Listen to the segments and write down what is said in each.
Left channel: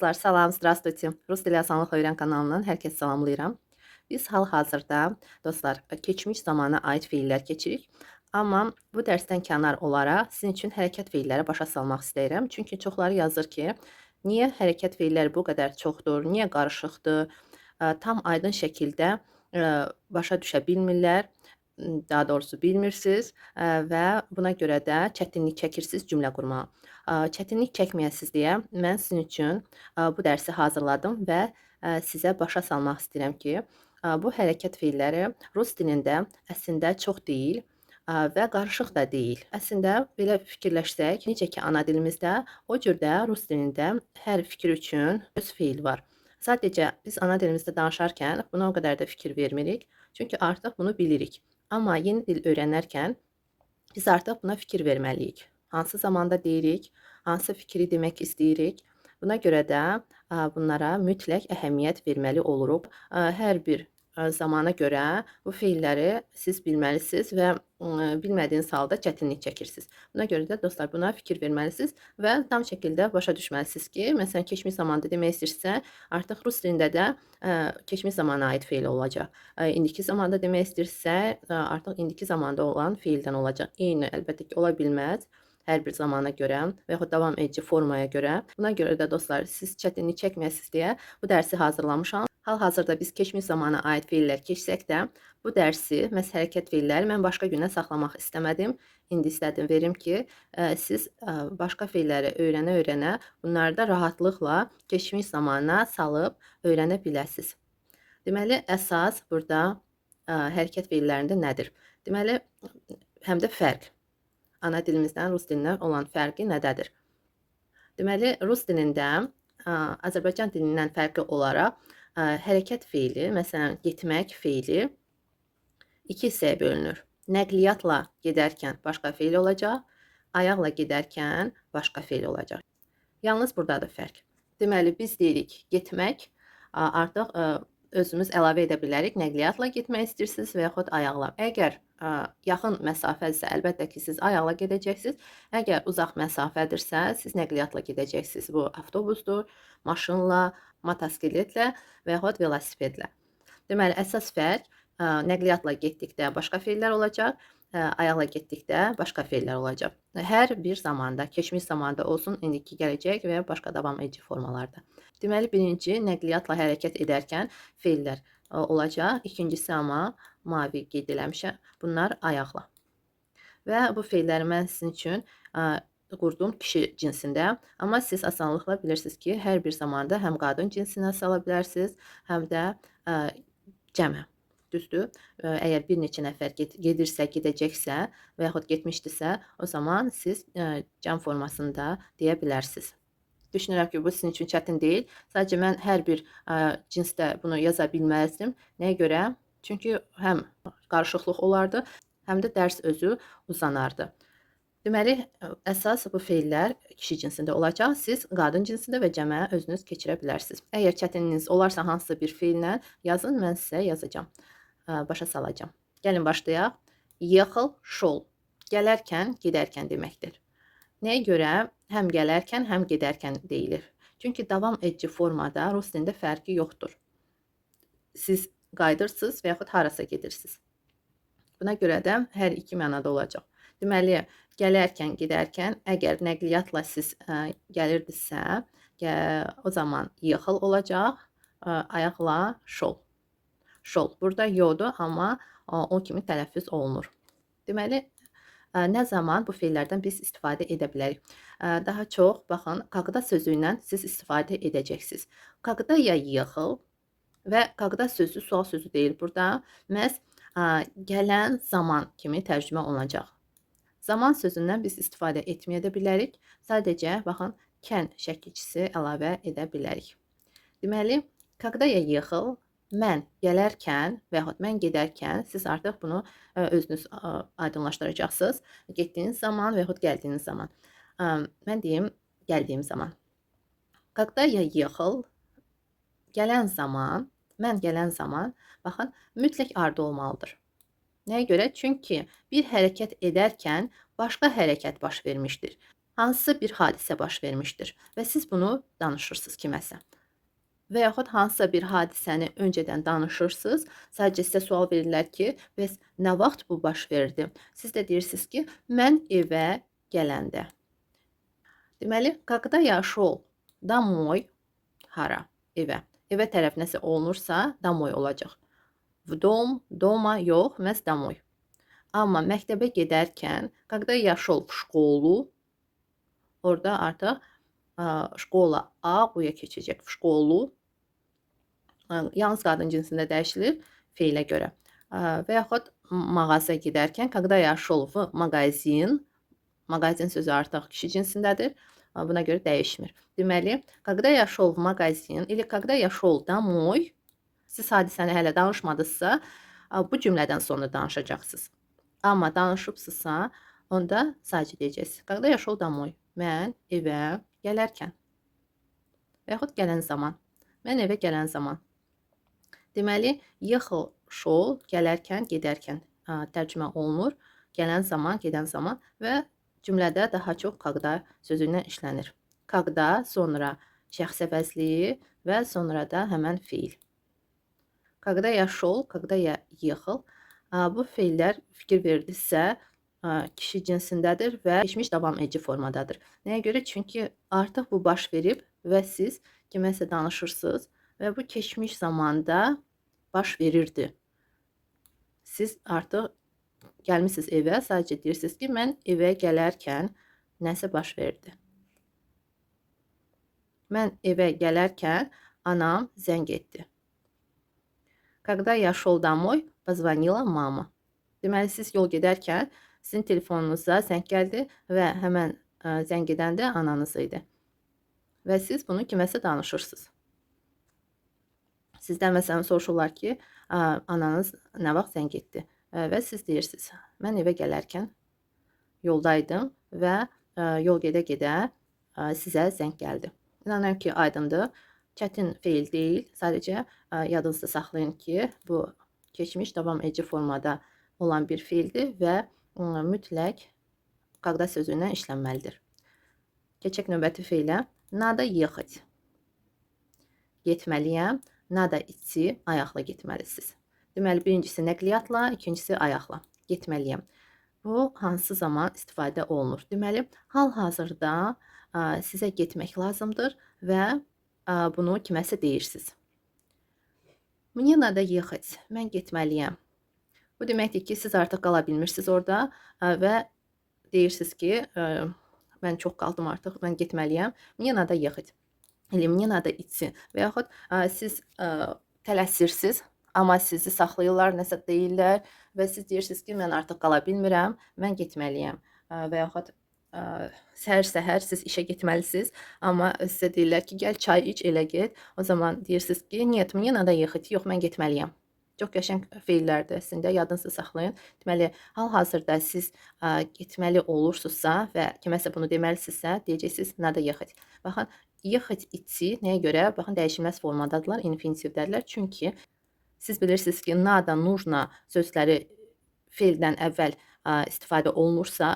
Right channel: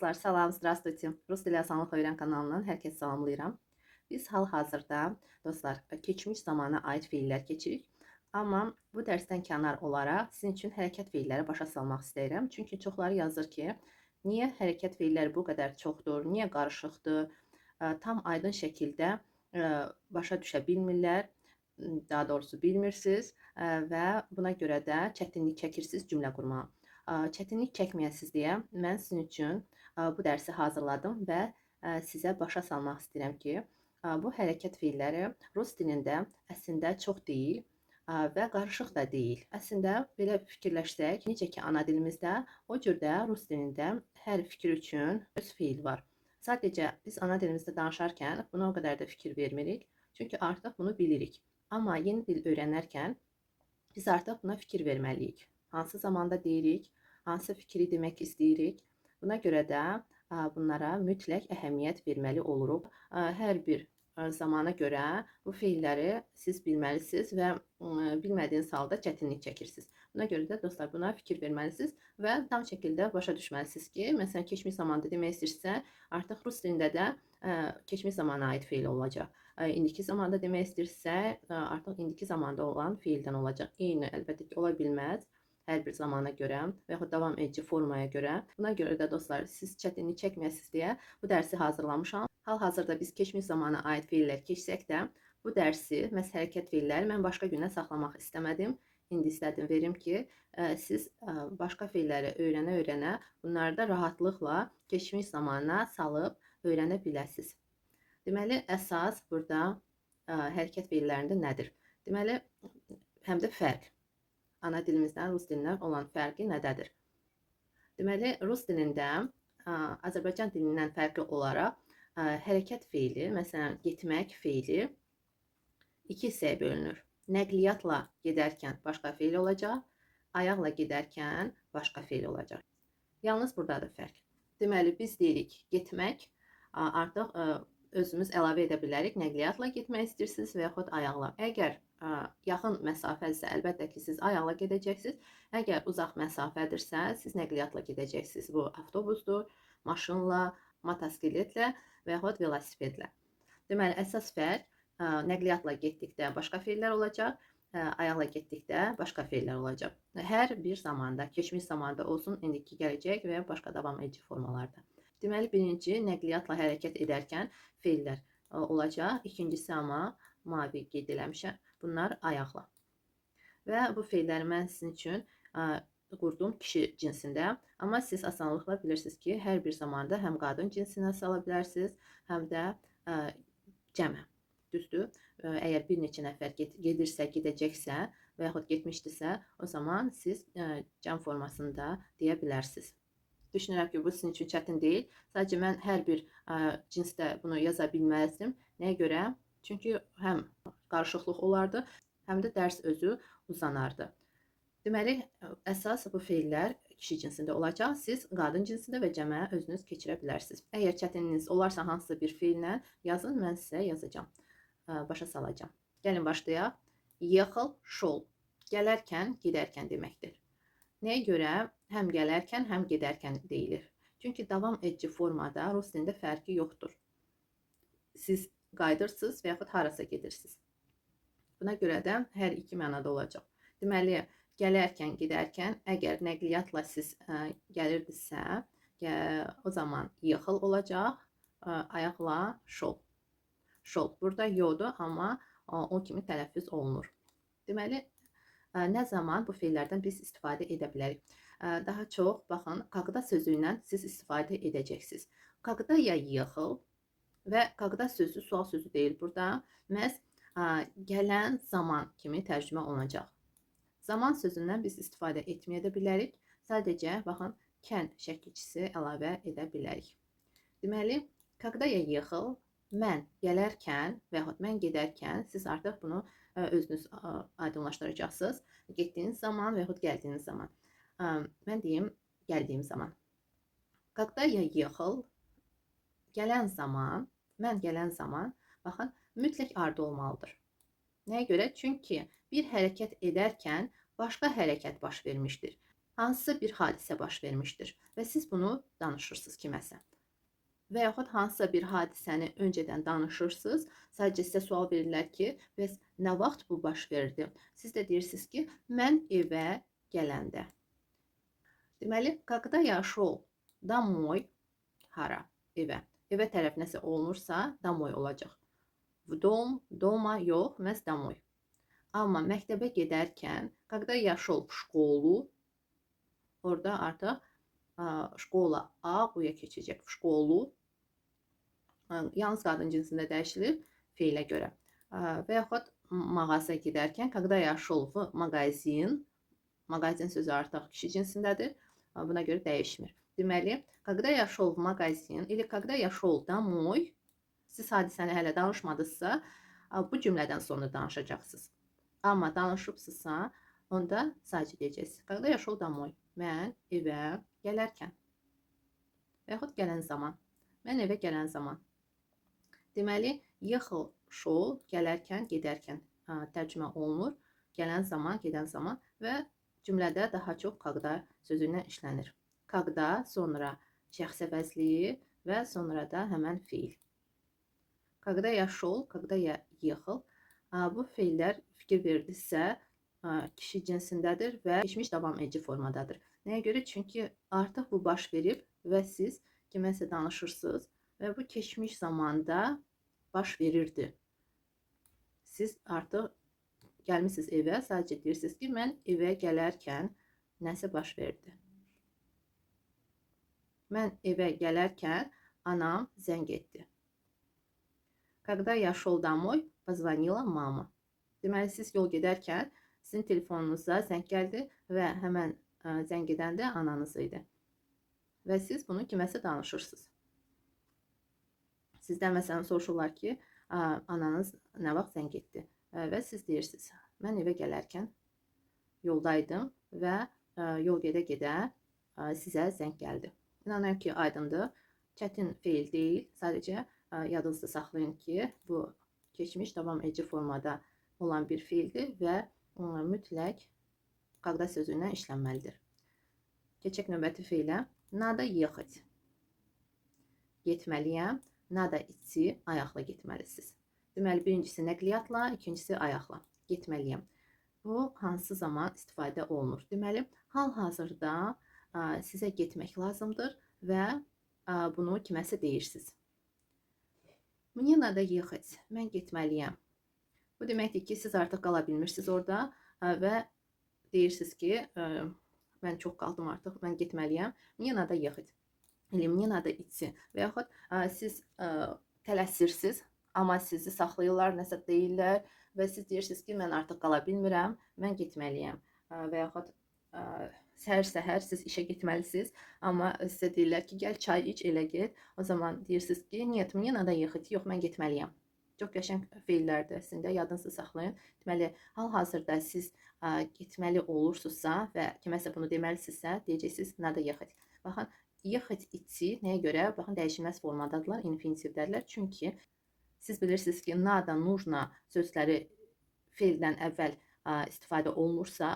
Dostlar, salam, здравствуйте. Rus dili asanlıq öyrən kanalından hər kəsi salamlayıram. Biz hal-hazırda dostlar, keçmiş zamana aid feillər keçirik. Amma bu dərsdən kənar olaraq sizin üçün hərəkət feilləri başa salmaq istəyirəm. Çünki çoxları yazır ki, niyə hərəkət feilləri bu qədər çoxdur, niyə qarışıqdır, tam aydın şəkildə başa düşə bilmirlər, daha doğrusu bilmirsiniz və buna görə də çətinlik çəkirsiniz cümlə qurmağa. Çətinlik çəkməyəsiniz deyə mən sizin üçün bu dərsi hazırladım və sizə başa salmaq istəyirəm ki, bu hərəkət feilləri rus dilində əslində çox deyil və qarışıq da deyil. Əslində belə fikirləşsək, necə ki ana dilimizdə, o cür də rus dilində hər fikir üçün öz feil var. Sadəcə biz ana dilimizdə danışarkən buna o qədər də fikir vermirik, çünki artıq bunu bilirik. Amma yeni dil öyrənərkən biz artıq buna fikir verməliyik. Hansı zamanda deyirik, hansı fikri demək istəyirik. Buna görə də bunlara mütləq əhəmiyyət verməli oluruq. Hər bir zamana görə bu feilləri siz bilməlisiniz və bilmədiyiniz halda çətinlik çəkirsiniz. Buna görə də dostlar buna fikir verməlisiniz və tam şəkildə başa düşməlisiniz ki, məsələn keçmiş zamanda demək istəyirsə, artıq rus dilində də keçmiş zamana aid feil olacaq. İndiki zamanda demək istəyirsə, artıq indiki zamanda olan feildən olacaq. Eyni əlbəttə ki, ola bilməz hər bir zamana görə və yaxud davam edici formaya görə. Buna görə də dostlar, siz çətinlik çəkməyəsiniz deyə bu dərsi hazırlamışam. Hal-hazırda biz keçmiş zamana aid feillər keçsək də, bu dərsi, məhz hərəkət feilləri mən başqa günə saxlamaq istəmədim. İndi istədim verim ki, siz başqa feilləri öyrənə-öyrənə bunları da rahatlıqla keçmiş zamana salıb öyrənə biləsiniz. Deməli, əsas burada hərəkət feillərində nədir? Deməli, həm də fərq. Ana dilimizdən rus dilinə olan fərqi nədədir? Deməli, rus dilində Azərbaycan dilindən fərqli olaraq hərəkət feili, məsələn, getmək feili iki hissəyə bölünür. Nəqliyyatla gedərkən başqa feil olacaq, ayaqla gedərkən başqa feil olacaq. Yalnız buradadır fərq. Deməli, biz deyirik getmək, artıq özümüz əlavə edə bilərik. Nəqliyyatla getmək istəyirsiniz və yaxud ayaqla. Əgər yaxın məsafədirsə, əlbəttə ki, siz ayaqla gedəcəksiniz. Əgər uzaq məsafədirsə, siz nəqliyyatla gedəcəksiniz. Bu avtobusdur, maşınla, motosikletlə və yaxud velosipedlə. Deməli, əsas fərq nəqliyyatla getdikdə başqa feillər olacaq, ayaqla getdikdə başqa feillər olacaq. Hər bir zamanda, keçmiş zamanda olsun, indiki gələcək və ya başqa davam edici formalarda. Deməli, birinci nəqliyyatla hərəkət edərkən feillər olacaq. İkincisi amma mavi qeyd eləmişəm. Bunlar ayaqla. Və bu feilləri mən sizin üçün qurdum kişi cinsində. Amma siz asanlıqla bilirsiniz ki, hər bir zamanda həm qadın cinsinə sala bilərsiniz, həm də cəmə. Düzdür? Əgər bir neçə nəfər gedirsə, gedəcəksə və yaxud getmişdirsə, o zaman siz cəm formasında deyə bilərsiniz. Düşünürəm ki, bu sizin üçün çətin deyil. Sadəcə mən hər bir cinsdə bunu yaza bilməzdim. Nəyə görə? Çünki həm qarışıqlıq olardı, həm də dərs özü uzanardı. Deməli, əsas bu feillər kişi cinsində olacaq. Siz qadın cinsində və cəmə özünüz keçirə bilərsiniz. Əgər çətinliyiniz olarsa hansısa bir feillə yazın, mən sizə yazacağam, başa salacağam. Gəlin başlayaq. Yexil, şol. Gələrkən, gedərkən deməkdir. Nəyə görə həm gələrkən, həm gedərkən deyilir? Çünki davam edici formada rus dilində fərqi yoxdur. Siz qayıdırsınız və yaxud harasa gedirsiniz. Buna görə də hər iki mənada olacaq. Deməli, gələrkən, gedərkən, əgər nəqliyyatla siz gəlirdisə, o zaman yexil olacaq, ayaqla şol. Şol. Burada yodur, amma o kimi tələffüz olunur. Deməli, nə zaman bu feillərdən biz istifadə edə bilərik? Daha çox, baxın, qaqda sözü ilə siz istifadə edəcəksiniz. Qaqda ya yexil və qaqda sözü sual sözü deyil burada. Məhz gələn zaman kimi tərcümə olunacaq. Zaman sözündən biz istifadə etməyə də bilərik. Sadəcə, baxın, kən şəkilçisi əlavə edə bilərik. Deməli, qaqda ya yexil, mən gələrkən və yaxud mən gedərkən siz artıq bunu özünüz aydınlaşdıracaqsınız. Getdiyiniz zaman və yaxud gəldiyiniz zaman. Mən deyim, gəldiyim zaman. Qaqda ya yexil, gələn zaman, mən gələn zaman, baxın, mütləq ardı olmalıdır. Nəyə görə? Çünki bir hərəkət edərkən başqa hərəkət baş vermişdir. hansısa bir hadisə baş vermişdir və siz bunu danışırsınız kiməsə. Və yaxud hansısa bir hadisəni öncədən danışırsınız. Sadəcə sizə sual verirlər ki, bəs nə vaxt bu baş verdi? Siz də deyirsiniz ki, mən evə gələndə. Deməli, когда я шел домой, hara? Evə. Evə tərəf nəsə olunursa, домой olacaq. В дом, дома yox, məhz домой. Amma məktəbə gedərkən, когда я шел в школу, orada artıq şkola A bu-ya keçəcək. В школу. Yalnız qadın cinsində dəyişilir feilə görə. Və yaxud mağazaya gedərkən, когда я шел в магазин, mağazin sözü artıq kişi cinsindədir. Buna görə dəyişmir. Deməli, когда я шел в магазин или когда я шел домой, siz hadisəni hələ danışmadınızsa, bu cümlədən sonra danışacaqsınız. Amma danışıbsınızsa, onda sadəcə deyəcəksiniz. Когда я шел домой, mən evə gələrkən. Və yaxud gələn zaman. Mən evə gələn zaman. Deməli, ехал, шел, gələrkən, gedərkən tərcümə olunur. Gələn zaman, gedən zaman və cümlədə daha çox когда sözü ilə işlənir. Когда, sonra şəxs əvəzliyi və sonra da həmən fiil. Когда я шел, когда я ехал. Bu feillər fikir verdinizsə, kişi cinsindədir və keçmiş davam edici formadadır. Nəyə görə? Çünki artıq bu baş verib və siz kiməsə danışırsınız və bu keçmiş zamanda baş verirdi. Siz artıq gəlmisiniz evə, sadəcə deyirsiniz ki, mən evə gələrkən nəsə baş verdi. Mən evə gələrkən anam zəng etdi. Когда я шел домой, позвонила мама. Deməli, siz yol gedərkən sizin telefonunuza zəng gəldi və həmən zəng edən də ananız idi. Və siz bunu kiməsə danışırsınız. Sizdən məsələn soruşurlar ki, ananız nə vaxt zəng etdi? Və siz deyirsiniz, mən evə gələrkən yoldaydım və yol gedə-gedə sizə zəng gəldi. İnanıram ki, aydındır. Çətin feil deyil. Sadəcə yadınızda saxlayın ki, bu keçmiş davam edici formada olan bir feildir və mütləq когда sözü ilə işlənməlidir. Keçək növbəti feilə. Надо ехать. Getməliyəm. Надо идти. Ayaqla getməlisiniz. Deməli, birincisi nəqliyyatla, ikincisi ayaqla. Getməliyəm. Bu hansı zaman istifadə olunur? Deməli, hal-hazırda sizə getmək lazımdır və bunu kiməsə deyirsiniz. Мне надо ехать. Mən getməliyəm. Bu deməkdir ki, siz artıq qala bilmirsiniz orada və deyirsiniz ki, mən çox qaldım artıq, mən getməliyəm. Мне надо ехать. Или мне надо идти. Və yaxud siz tələsirsiniz, amma sizi saxlayırlar, nəsə deyirlər və siz deyirsiniz ki, mən artıq qala bilmirəm, mən getməliyəm. Və yaxud səhər-səhər siz işə getməlisiniz, amma sizə deyirlər ki, gəl çay iç, elə get. O zaman deyirsiniz ki, нет, мне надо ехать. Yox, mən getməliyəm. Çox qəşəng feillərdir əslində, yadınızda saxlayın. Deməli, hal-hazırda siz getməli olursunuzsa və kiməsə bunu deməlisinizsə, deyəcəksiniz, надо ехать. Baxın, ехать, идти nəyə görə? Baxın, dəyişilməz formadadırlar, infinitivdədirlər. Çünki siz bilirsiniz ki, надо, нужно sözləri feildən əvvəl istifadə olunursa,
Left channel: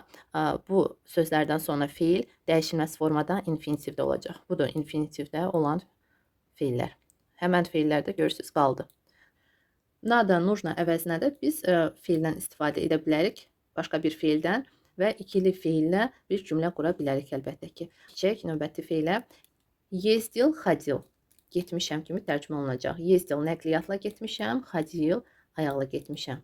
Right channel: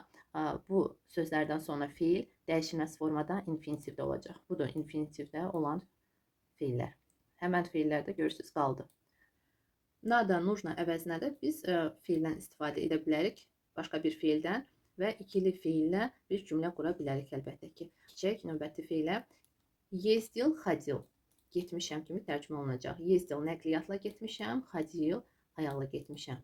bu sözlərdən sonra feil dəyişilməz formada infinitivdə olacaq. Budur infinitivdə olan feillər. Həmən feillərdə görürsünüz qaldı. Надо, нужно əvəzinə də biz feildən istifadə edə bilərik, başqa bir feildən və ikili feillə bir cümlə qura bilərik əlbəttə ki. Keçək növbəti feilə. Ездил, ходил. Getmişəm kimi tərcümə olunacaq. Ездил nəqliyyatla getmişəm, ходил ayaqla getmişəm.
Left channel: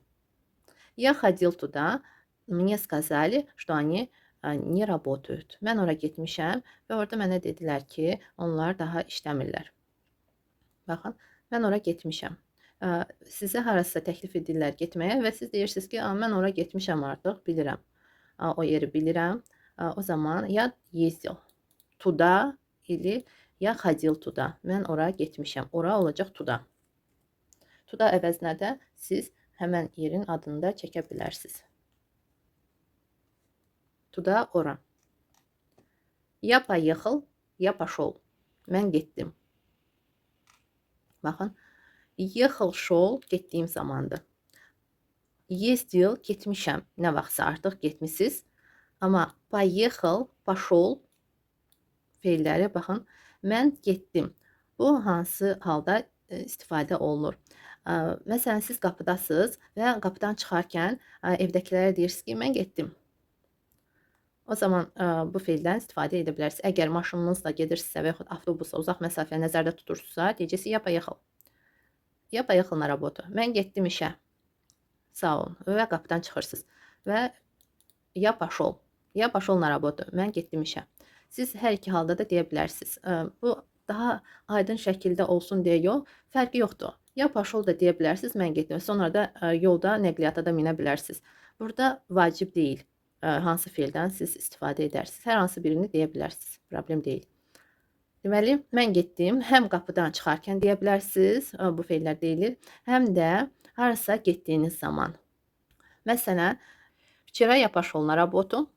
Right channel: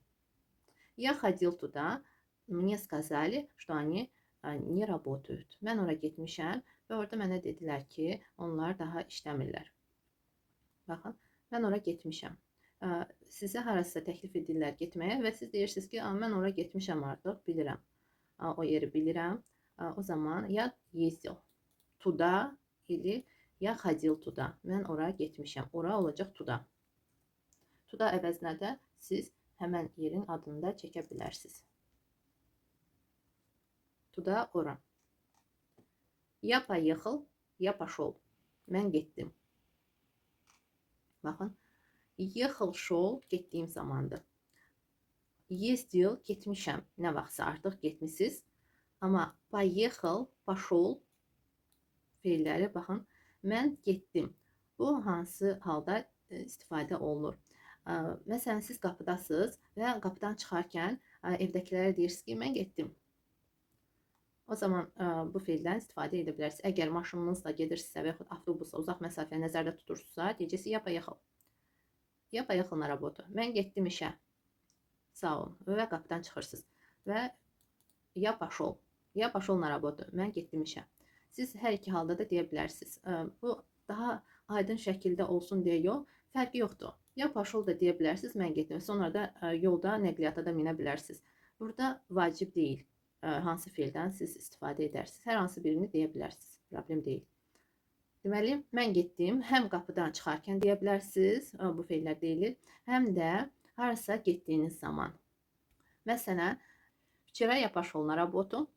Я ходил туда, мне сказали, что они не работают. Mən ora getmişəm və orada mənə dedilər ki, onlar daha işləmirlər. Baxın, mən ora getmişəm. Sizə harasa təklif edirlər getməyə və siz deyirsiniz ki, mən ora getmişəm artıq, bilirəm. O yeri bilirəm. O zaman ya ездил tуда или ya ходил tуда. Mən ora getmişəm. Ora olacaq tуда. Tуда əvəzinə də siz həmən yerin adını da çəkə bilərsiniz. Tуда, ora. Я поехал, я пошел. Mən getdim. Baxın. Ехал, шел, getdiyim zamandır. Ездил, getmişəm. Nə vaxtsa artıq getmisiniz. Amma поехал, пошел feilləri baxın. Mən getdim. Bu hansı halda istifadə olunur? Məsələn, siz qapıdasınız və qapıdan çıxarkən evdəkilərə deyirsiniz ki, mən getdim. O zaman bu feildən istifadə edə bilərsiniz. Əgər maşınınızla gedirsinizsə və yaxud avtobusla uzaq məsafə nəzərdə tutursunuzsa, deyəcəksiniz ya поехал. Ya поехал на работу. Mən getdim işə. Sağ olun. Və qapıdan çıxırsınız. Və ya пошел. Ya пошел на работу. Mən getdim işə. Siz hər iki halda da deyə bilərsiniz. Bu daha aydın şəkildə olsun deyə yox, fərqi yoxdur. Ya пошел da deyə bilərsiniz, mən getdim. Sonra da yolda nəqliyyata da minə bilərsiniz. Burada vacib deyil. Hansı feildən siz istifadə edərsiniz. Hər hansı birini deyə bilərsiniz. Problem deyil. Deməli, mən getdim. Həm qapıdan çıxarkən deyə bilərsiniz, bu feillər deyilir, həm də harasa getdiyiniz zaman. Məsələn, вчера я пошел на работу.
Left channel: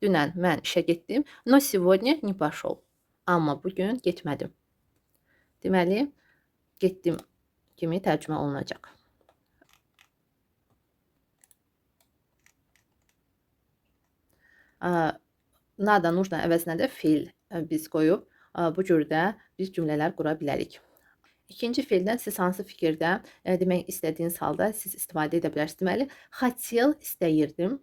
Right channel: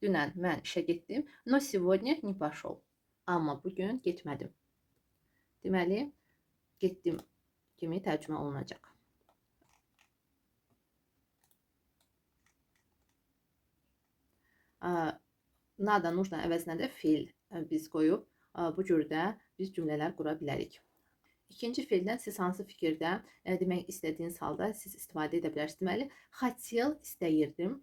Dünən mən işə getdim, но сегодня не пошел. Amma bugün getmədim. Deməli, getdim kimi tərcümə olunacaq. Nada, нужно əvəzinə də feil biz qoyub, bu cürdə biz cümlələr qura bilərik. İkinci feildən siz hansı fikirdə demək istədiyiniz halda siz istifadə edə bilərsiniz. Deməli, хотел, istəyirdim.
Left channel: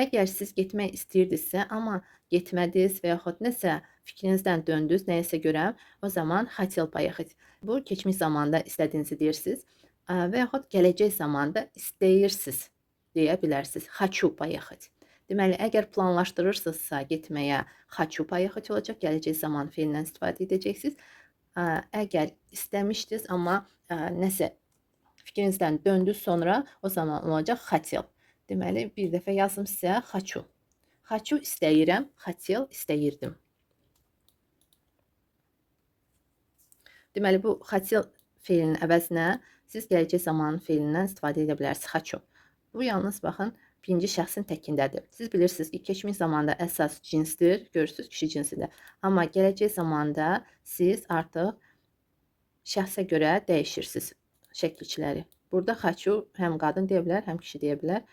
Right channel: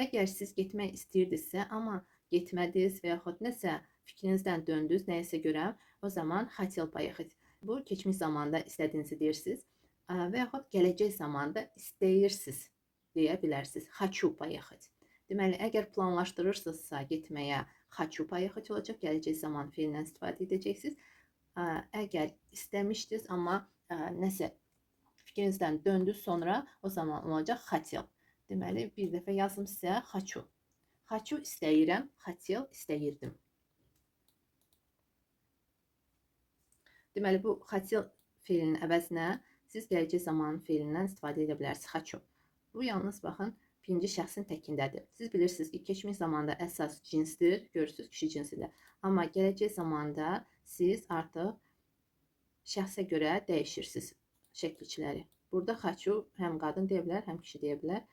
Əgər siz getmək istəyirdinizsə, amma getmədiniz və yaxud nəsə fikrinizdən döndünüz nəyəsə görə, o zaman хотел поехать. Bu keçmiş zamanda istədiyinizi deyirsiniz və yaxud gələcək zamanda istəyirsiniz deyə bilərsiniz. Хочу поехать. Deməli, əgər planlaşdırırsınızsa getməyə хочу поехать olacaq, gələcək zaman feilindən istifadə edəcəksiniz. Əgər istəmişdiniz, amma nəsə fikrinizdən döndünüz sonra, o zaman olacaq хотел. Deməli, bir dəfə yazım sizə хочу. Хочу istəyirəm, хотел istəyirdim. Deməli, bu хотел feilinin əvəzinə siz gələcək zamanın feilindən istifadə edə bilərsiniz. Хочу. Bu yalnız baxın, birinci şəxsin təkindədir. Siz bilirsiniz ki, keçmiş zamanda əsas cinsdir, görürsünüz kişi cinsidir. Amma gələcək zamanda siz artıq şəxsə görə dəyişirsiniz şəkilçiləri. Burada хочу həm qadın deyə bilər, həm kişi deyə bilər.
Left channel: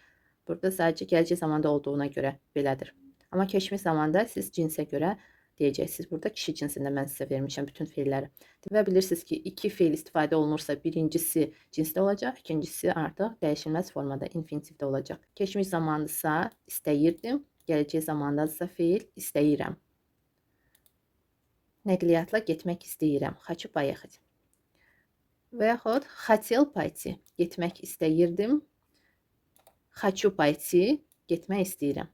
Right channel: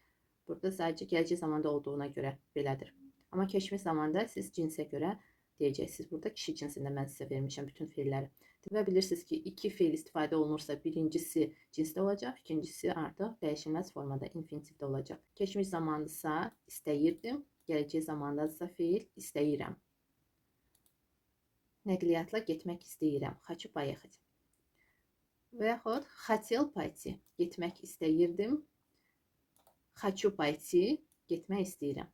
Burada sadəcə gələcək zamanda olduğuna görə belədir. Amma keçmiş zamanda siz cinsə görə deyəcəksiniz. Burada kişi cinsində mən sizə vermişəm bütün feilləri. Və bilirsiniz ki, iki feil istifadə olunursa, birincisi cinsdə olacaq, ikincisi artıq dəyişilməz formada, infinitivdə olacaq. Keçmiş zamandasa istəyirdim, gələcək zamandasa feil istəyirəm. Nəqliyyatla getmək istəyirəm. Хочу поехать. Və yaxud хотел пойти. Getmək istəyirdim. Хочу пойти, getmək istəyirəm.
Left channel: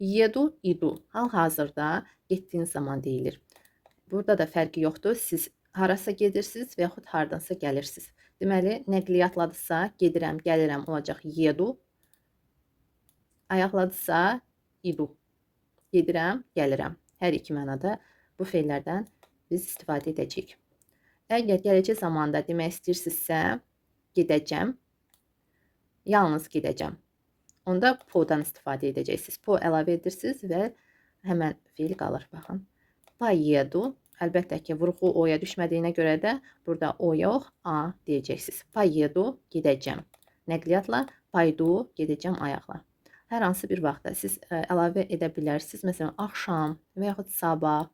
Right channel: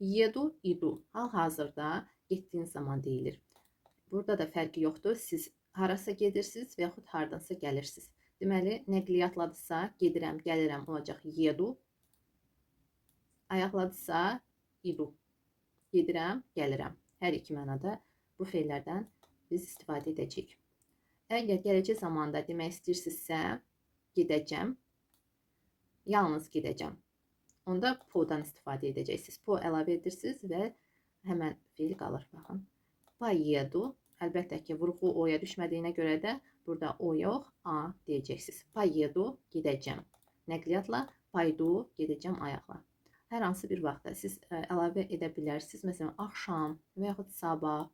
Еду, idu. Hal-hazırda getdiyiniz zaman deyilir. Burada da fərqi yoxdur. Siz harasa gedirsiniz və yaxud hardansa gəlirsiniz. Deməli, nəqliyyatladısa gedirəm, gəlirəm olacaq yedu. Ayaqladısa idu. Gedirəm, gəlirəm. Hər iki mənada bu feillərdən biz istifadə edəcəyik. Əgər gələcək zamanda demək istəyirsinizsə, gedəcəm, yalnız gedəcəm. Onda po'dan istifadə edəcəksiniz. Po əlavə edirsiniz və həmən feil qalır. Baxın. Поеду. Əlbəttə ki, vurğu o'ya düşmədiyinə görə də burada o yox, a deyəcəksiniz. Поеду, gedəcəm. Nəqliyyatla paydu, gedəcəm ayaqla. Hər hansı bir vaxtda siz əlavə edə bilərsiniz. Məsələn, axşam və yaxud sabah.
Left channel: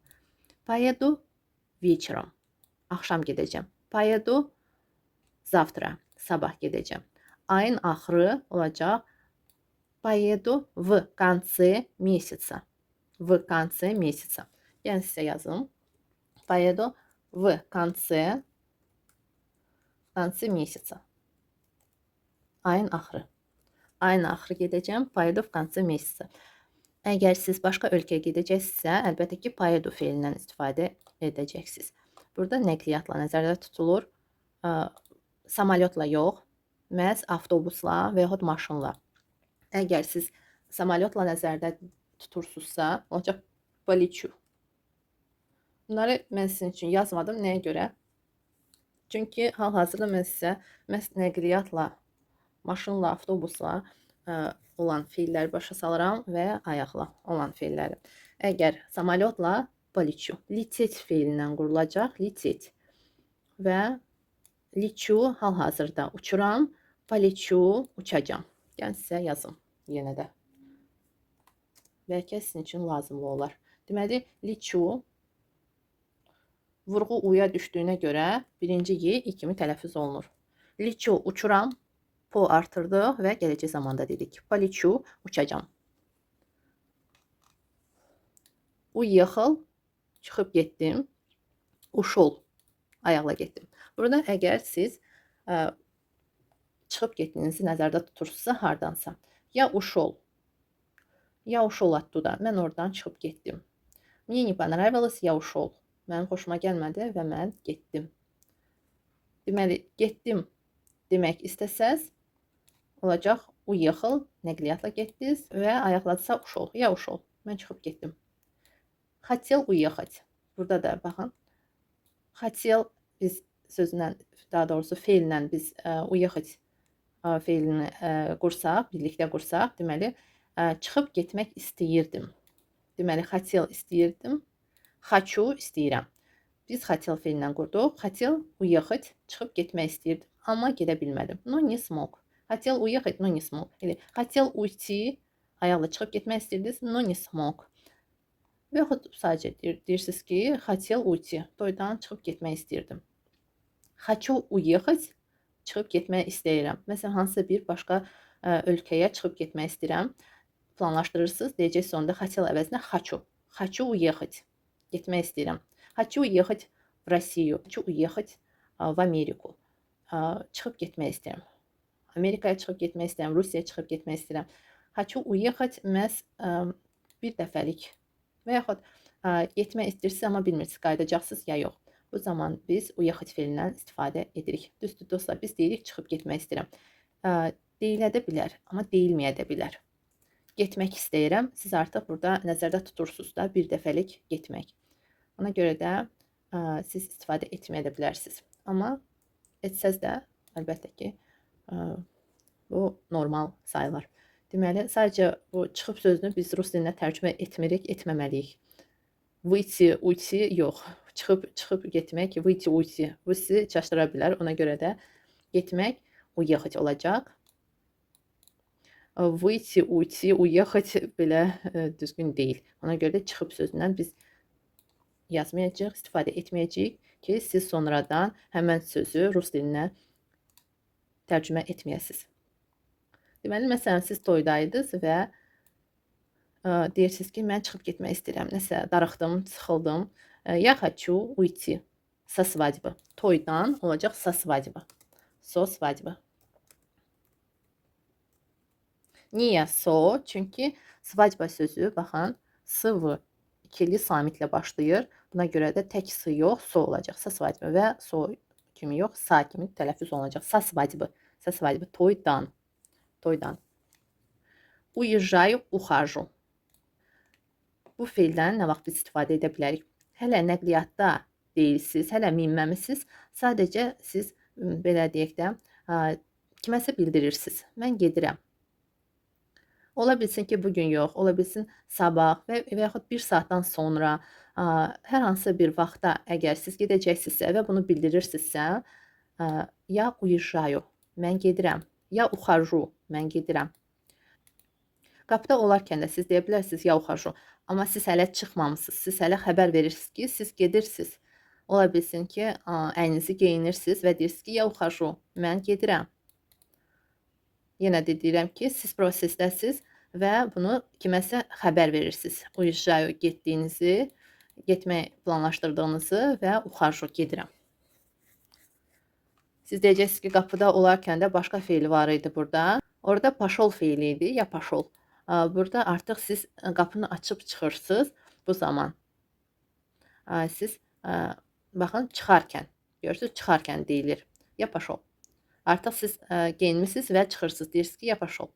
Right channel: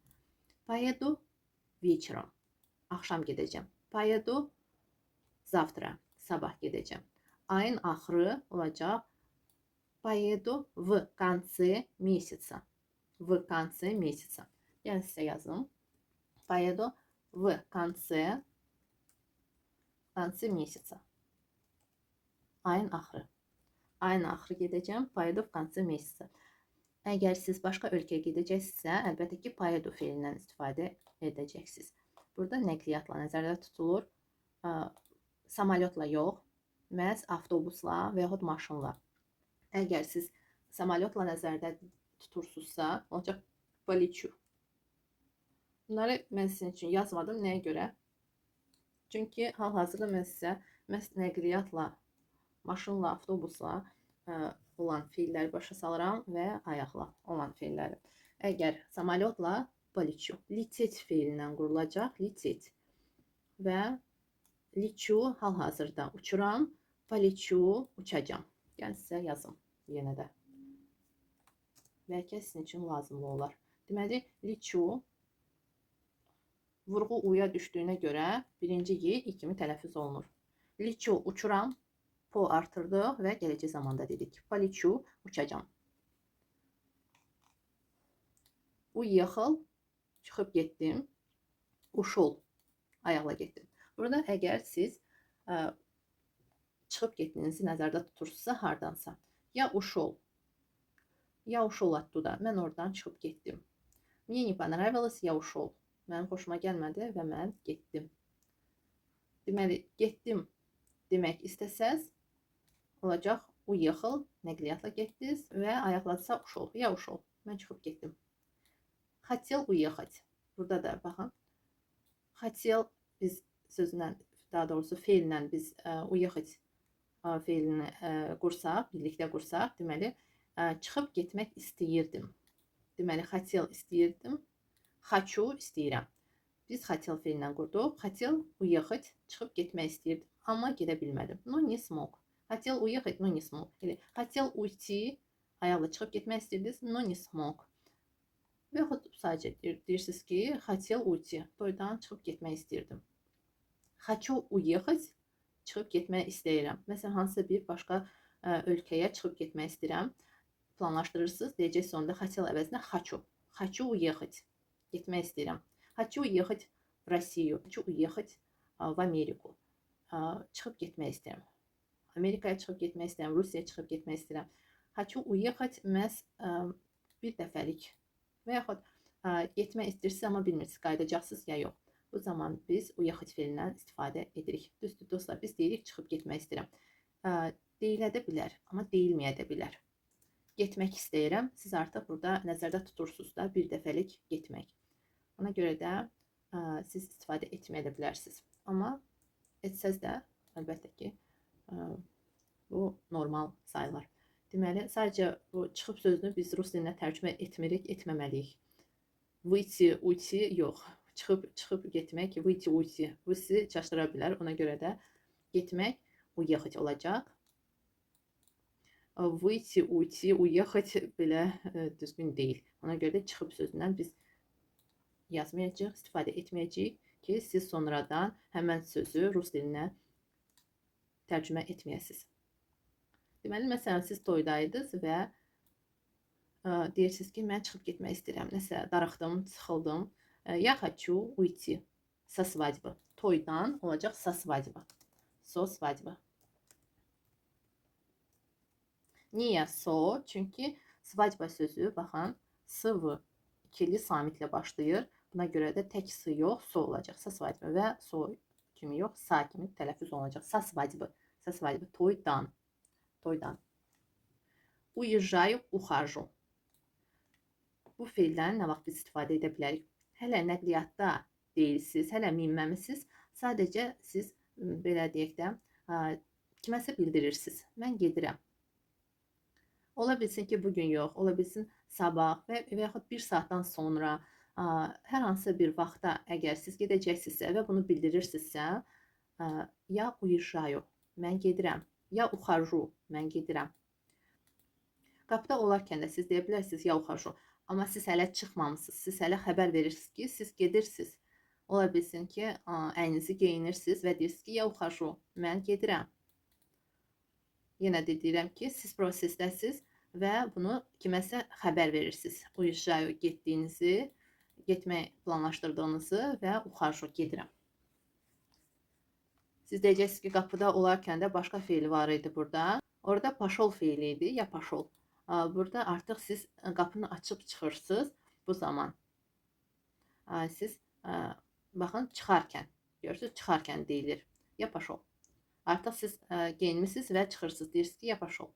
Поеду вечером. Axşam gedəcəm. Поеду завтра. Sabah gedəcəm. Ayın axırı olacaq. Поеду в конце месяца. В конце месяца. Yəni sizə yazım. Поеду в конце месяца. Ayın axırı. Ayın axırı gedəcəm. Поеду в конце месяца. Əgər siz başqa ölkəyə gedəcəksinizsə, əlbəttə ki, поеду feilindən istifadə edəcəksiniz. Burada nəqliyyatla nəzərdə tutulur. Samalyotla yox, məhz avtobusla və yaxud maşınla. Əgər siz samalyotla nəzərdə tutursunuzsa, olacaq полечу. Bunları mən sizin üçün yazmadım. Nəyə görə? Çünki hal-hazırda mən sizə məhz nəqliyyatla, maşınla, avtobusla olan feilləri başa salıram və ayaqla olan feilləri. Əgər samalyotla полечу. Лететь feilindən qurulacaq. Лететь. Və лечу hal-hazırda uçuram. Полечу, uçacağam. Yəni sizə yazım yenə də. Bəlkə sizin üçün lazımlı olar. Deməli, liçu vurğu uya düşdüyünə görə birinci y i kimi tələffüz olunur. Liçu uçuram, po artırdıq və gələcək zamanda dedik. Poliçu uçacağam. Uехал, çıxıb getdim. Uşol, ayaqla getdim. Burada əgər siz çıxıb getdiyinizi nəzərdə tutursunuzsa hardansa, ya ушел, я ушел оттуда. Mən oradan çıxıb getdim. Мне не понравилось, я ушел. Mənim xoşuma gəlmədi və mən getdim. Deməli, getdim demək istəsəz, olacaq уехал, nəqliyyatla getdiniz və ayaqladısa ушел, я ушел. Mən çıxıb getdim. Хотел уехать. Burada da baxın. Хотел biz sözlə, daha doğrusu feillə biz уехать feilini qursaq, birlikdə qursaq, deməli, çıxıb getmək istəyirdim. Deməli, хотел istəyirdim. Хочу istəyirəm. Biz хотел feillə qurduq. Хотел уехать, çıxıb getmək istəyirdim. Amma gedə bilmədim. Но не смог. Хотел уехать, но не смог. Elə, хотел уйти, ayaqla çıxıb getmək istəyirdiniz, но не смог. Və yaxud sadəcə deyirsiniz ki, хотел уйти, toydan çıxıb getmək istəyirdim. Хочу уехать, çıxıb getmək istəyirəm. Məsələn, hansısa bir başqa ölkəyə çıxıb getmək istəyirəm. Planlaşdırırsınız, deyəcək sonunda хотел əvəzinə хочу. Хочу уехать, getmək istəyirəm. Хочу уехать в Россию, хочу уехать в Америку. Çıxıb getmək istəyirəm. Amerikaya çıxıb getmək istəyirəm, Rusiyaya çıxıb getmək istəyirəm. Хочу уехать məhz bir dəfəlik və yaxud getmək istəyirsiniz, amma bilmirsiniz, qayıdacaqsınız ya yox. Bu zaman biz uexать feilindən istifadə edirik. Düzdür dostlar, biz deyirik çıxıb getmək istəyirəm. Deyilə də bilər, amma deyilməyə də bilər. Getmək istəyirəm, siz artıq burada nəzərdə tutursunuz da bir dəfəlik getmək. Ona görə də siz istifadə etməyə də bilərsiniz. Amma etsəz də əlbəttə ki, bu normal sayılır. Deməli, sadəcə bu çıxıb sözünü biz rus dilinə tərcümə etmirik, etməməliyik. Выйти, уйти yox. Çıxıb getmək, выйти, уйти. Bu sizi çaşdıra bilər. Ona görə də getmək уехать olacaq. Выйти, уйти, уехать belə düzgün deyil. Ona görə də çıxıb sözündən biz yazmayacağıq, istifadə etməyəcəyik ki, siz sonradan həmən sözü rus dilinə tərcümə etməyəsiniz. Deməli, məsələn, siz toydaydınız və deyirsiniz ki, mən çıxıb getmək istəyirəm. Nəsə, darıxdım, sıxıldım. Я хочу уйти со свадьбы. Toydan olacaq со свадьбы. So свадьбы. Niyə so? Çünki svadьба sözü, baxın, sıvı ikili samitlə başlayır. Buna görə də tək sı yox, so olacaq. Со свадьбы və so kimi yox, sa kimi tələffüz olunacaq. Со свадьбы. Со свадьбы. Toydan. Toydan. Уезжаю, ухожу. Bu feildən nə vaxt biz istifadə edə bilərik? Hələ nəqliyyatda deyilsiniz, hələ minməmisiniz. Sadəcə siz belə deyək də kiməsə bildirirsiniz. Mən gedirəm. Ola bilsin ki, bugün yox, ola bilsin sabah və yaxud bir saatdan sonra hər hansı bir vaxtda əgər siz gedəcəksinizsə və bunu bildirirsinizsə, ya уезжаю, mən gedirəm, ya ухожу, mən gedirəm. Qapıda olarkən də siz deyə bilərsiniz ya ухожу, amma siz hələ çıxmamısınız, siz hələ xəbər verirsiniz ki, siz gedirsiniz. Ola bilsin ki, əyninizi geyinirsiniz və deyirsiniz ki, ya ухожу, mən gedirəm. Yenə də deyirəm ki, siz prosesdəsiz və bunu kiməsə xəbər verirsiniz. Уезжаю getdiyinizi, getmək planlaşdırdığınızı və ухожу gedirəm. Siz deyəcəksiniz ki, qapıda olarkən də başqa feil var idi burada. Orada пошел feili idi, ya пошел. Burada artıq siz qapını açıb çıxırsınız. Bu zaman siz baxın çıxarkən, görürsünüz, çıxarkən deyilir. Ya пошел. Artıq siz geyinmisiniz və çıxırsınız. Deyirsiniz ki, ya пошел.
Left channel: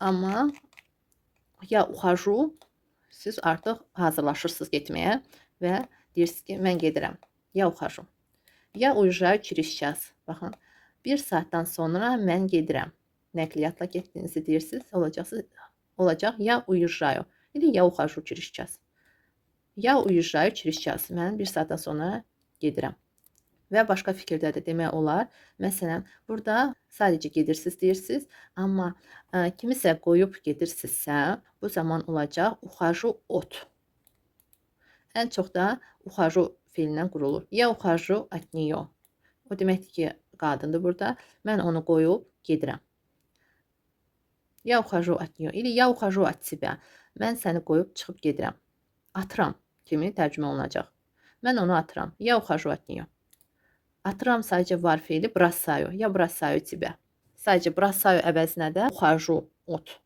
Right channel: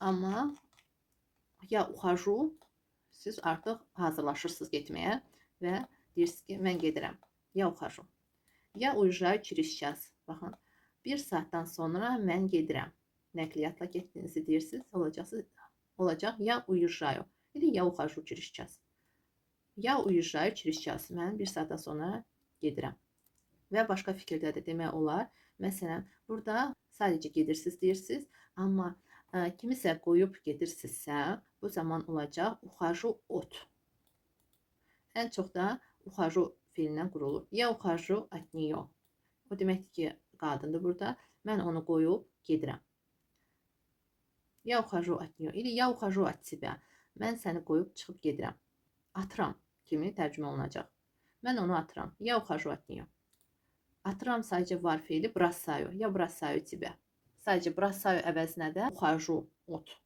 Amma ya ухожу, siz artıq hazırlaşırsınız getməyə və deyirsiniz ki, mən gedirəm. Ya ухожу. Ya уезжаю через час. Baxın, bir saatdan sonra mən gedirəm. Nəqliyyatla getdiyinizi deyirsiniz, olacaq ya уезжаю. İndi ya ухожу через час. Ya уезжаю через час. Mən bir saatdan sonra gedirəm. və başqa fikirdə də demək olar. Məsələn, burada sadəcə gedirsiniz deyirsiniz, amma kimisə qoyub gedirsinizsə, bu zaman olacaq ухожу от. Ən çox da ухожу feilindən qurulur. Я ухожу от нее. O deməkdir ki, qadındır burada. Mən onu qoyub gedirəm. Я ухожу от нее или я ухожу от тебя. Mən səni qoyub çıxıb gedirəm. Atıram kimi tərcümə olunacaq. Mən onu atıram. Я ухожу от нее. Atıram sadəcə var feili бросаю. Я бросаю тебя. Sadəcə бросаю əvəzinə də ухожу от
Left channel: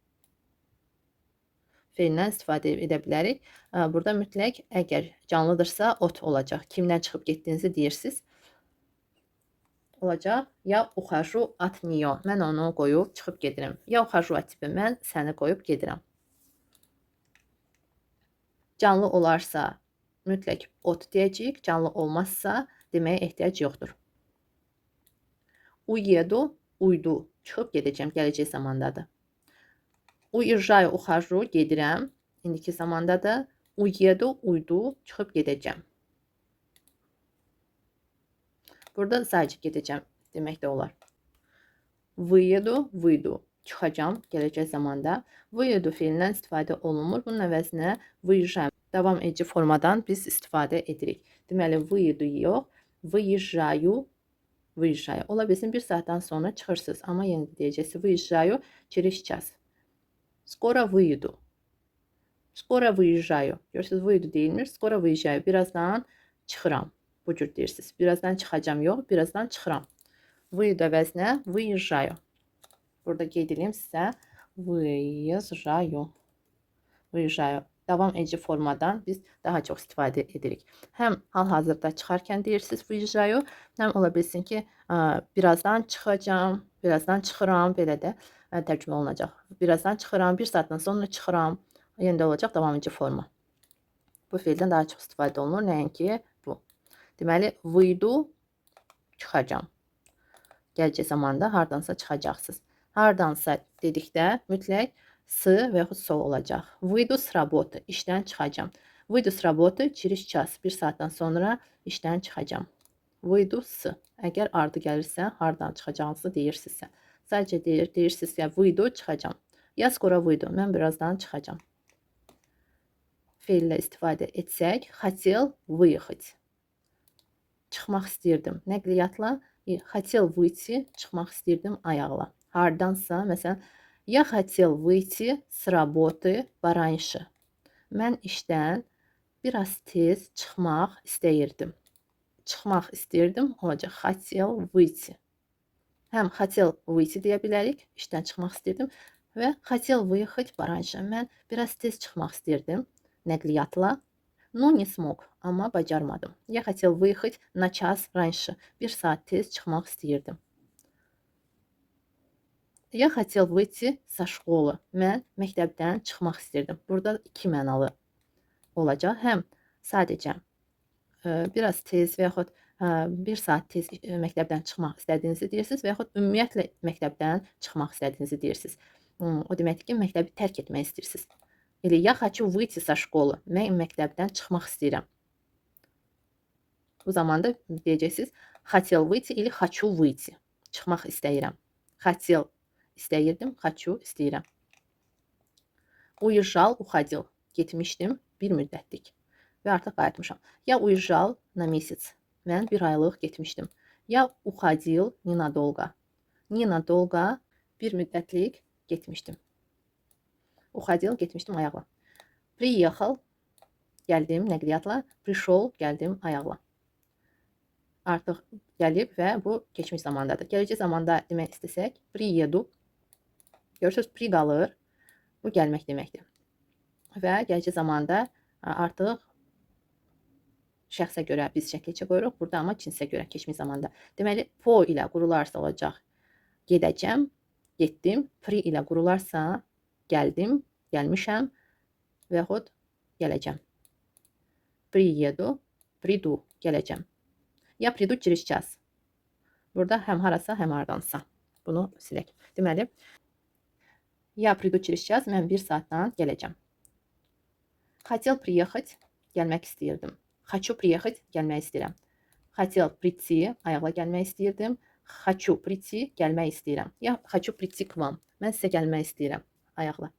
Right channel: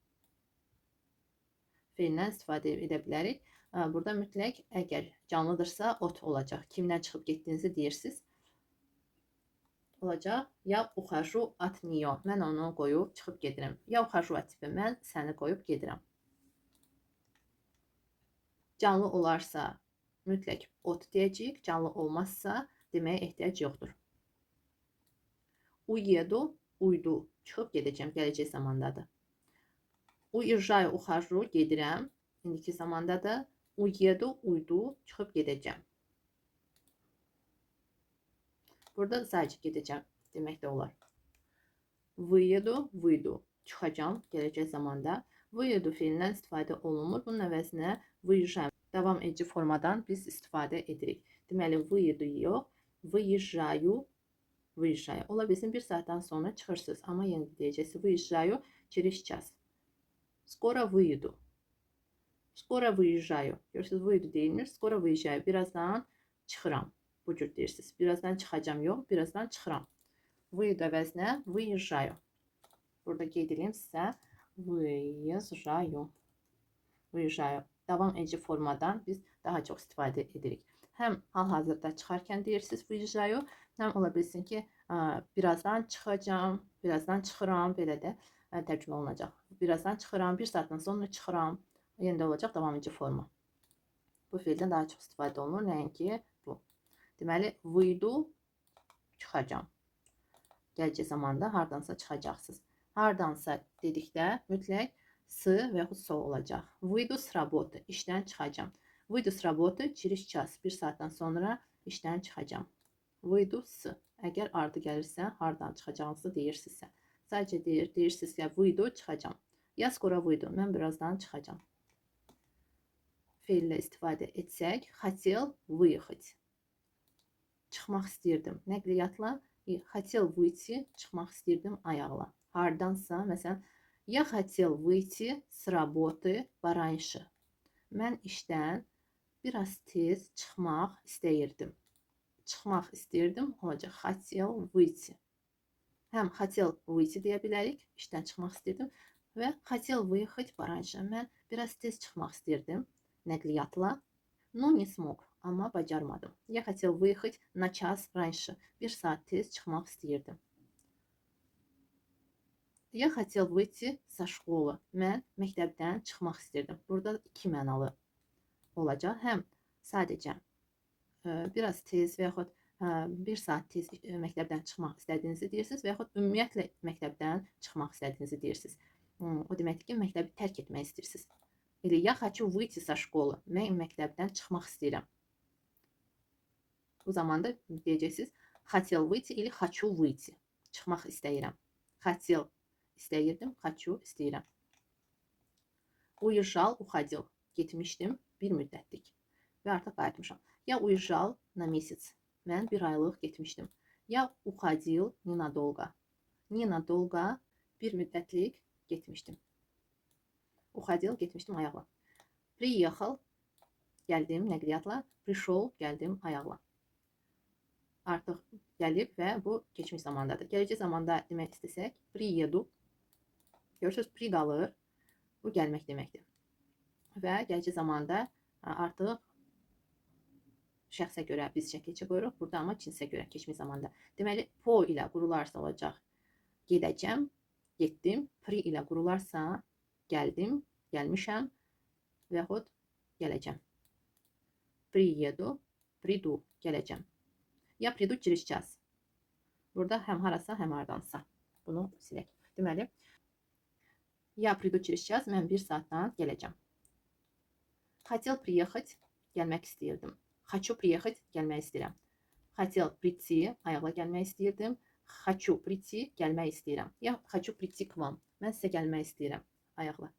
feilindən istifadə edə bilərik. Burada mütləq əgər canlıdırsa от olacaq. Kimdən çıxıb getdiyinizi deyirsiniz. Olacaq. Я ухожу от нее. Mən onu qoyub çıxıb gedirəm. Я ухожу от тебя. Mən səni qoyub gedirəm. Canlı olarsa mütləq от deyəcəyik. Canlı olmazsa deməyə ehtiyac yoxdur. Уеду, uydu. Çıxıb gedəcəm. Gələcək zamandadır. Уезжаю, ухожу. Gedirəm. İndiki zamandadır. Уеду, uydu. Çıxıb gedəcəm. Burada sadəcə gedəcəm demək də olar. Выеду, выйду. Çıxacam. Gələcək zamanda. Выеду feilindən istifadə olunmur. Bunun əvəzinə выезжаю. Davam edici formadan biz istifadə edirik. Deməli, выеду yox. Выезжаю. Выезжаю. Ola bilsin bir saatdan sonra çıxırsınız. Amma yenə deyəcəksiniz. Выезжаю через час. Скоро выйду. Скоро выезжаю. Görürsünüz, выйду deyilmir. Скоро выезжаю. Birazdan çıxıram. Bu cür deyirsiniz. Birazdan çıxacam yox. Birazdan çıxıram. Выйду əvəzinə выезжаю. Burada qeyd edeyim sizə. Выезжаю. Выезжаю. Davam edici formadan biz daha çox istifadə edirik. Həm hal-hazırda çıxarkən deyirsiniz выезжаю, həm ola bilsin ki, birazdan çıxacam, birazdan çıxıram, belə də tərcümə olunacaq. Birazdan çıxıram, bir saatdan sonra çıxıram. Yenə də olacaq davam edici forma. Bu feildən daha çox istifadə olunur, nəinki bu. Deməli, выйду, çıxacam. Gələcək zamanda hardansa çıxacaqsınız. Hardansa dedikdə mütləq с və yaxud со olacaq. Выйду с работы, işdən çıxacam. Выйду с работы через час, bir saatdan sonra işdən çıxacam. Выйду с, əgər ardı gəlirsə, hardan çıxacağınızı deyirsinizsə. Sadəcə deyirsiniz ki, выйду, çıxacam. Я скоро выйду, mən birazdan çıxacam. Feillə istifadə etsək, хотел выехать. Çıxmaq istəyirdim. Nəqliyyatla хотел выйти, çıxmaq istəyirdim ayaqla. Hardansa, məsələn, Я хотел выйти с работы пораньше. Mən işdən biraz tez çıxmaq istəyirdim. Çıxmaq istəyirdim olacaq. Хотел выйти. Həm хотел выйти deyə bilərik. İşdən çıxmaq istəyirdim. Və хотел выехать пораньше. Mən biraz tez çıxmaq istəyirdim nəqliyyatla. Но не смог. Amma bacarmadım. Я хотел выехать на час раньше. Bir saat tez çıxmaq istəyirdim. Я хотел выйти со школы. Mən məktəbdən çıxmaq istirdim. Burada iki mənalı olacaq. Həm sadəcə biraz tez və yaxud bir saat tez məktəbdən çıxmaq istədiyinizi deyirsiniz və yaxud ümumiyyətlə məktəbdən çıxmaq istədiyinizi deyirsiniz. O deməkdir ki, məktəbi tərk etmək istəyirsiniz. Elə я хочу выйти со школы. Mən məktəbdən çıxmaq istəyirəm. Bu zamanda deyəcəksiniz хотел выйти или хочу выйти. Çıxmaq istəyirəm. Хотел istəyirdim, хочу istəyirəm. Уезжал, уходил. Getmişdim bir müddətlik və artıq qayıtmışam. Я уезжал на месяц. Mən bir aylıq getmişdim. Я уходил ненадолго. Ненадолго bir müddətlik getmişdim. Уходил getmişdim ayaqla. Приехал gəldim nəqliyyatla. Пришел gəldim ayaqla. Artıq gəlib və bu keçmiş zamandadır. Gələcək zamanda demək istəsək, приеду. Görürsünüz, pri qalır. Bu gəlmək deməkdir. Və gələcək zamanda artıq şəxsə görə biz şəkilçə qoyuruq. Burada amma cinsə görə keçmiş zamanda. Deməli, po ilə qurularsa olacaq gedəcəm, getdim. Pri ilə qurularsa gəldim, gəlmişəm və yaxud gələcəm. Приеду, приду, gələcəm. Я приду через час. Burada həm harasa, həm hardansa. Bunu silək. Deməli, я приду через час, mən bir saatdan gələcəm. Хотел приехать, gəlmək istəyirdim. Хочу приехать, gəlmək istəyirəm. Хотел прийти, ayaqla gəlmək istəyirdim. Хочу прийти, gəlmək istəyirəm. Я хочу прийти к вам. Mən sizə gəlmək istəyirəm. Ayaqla.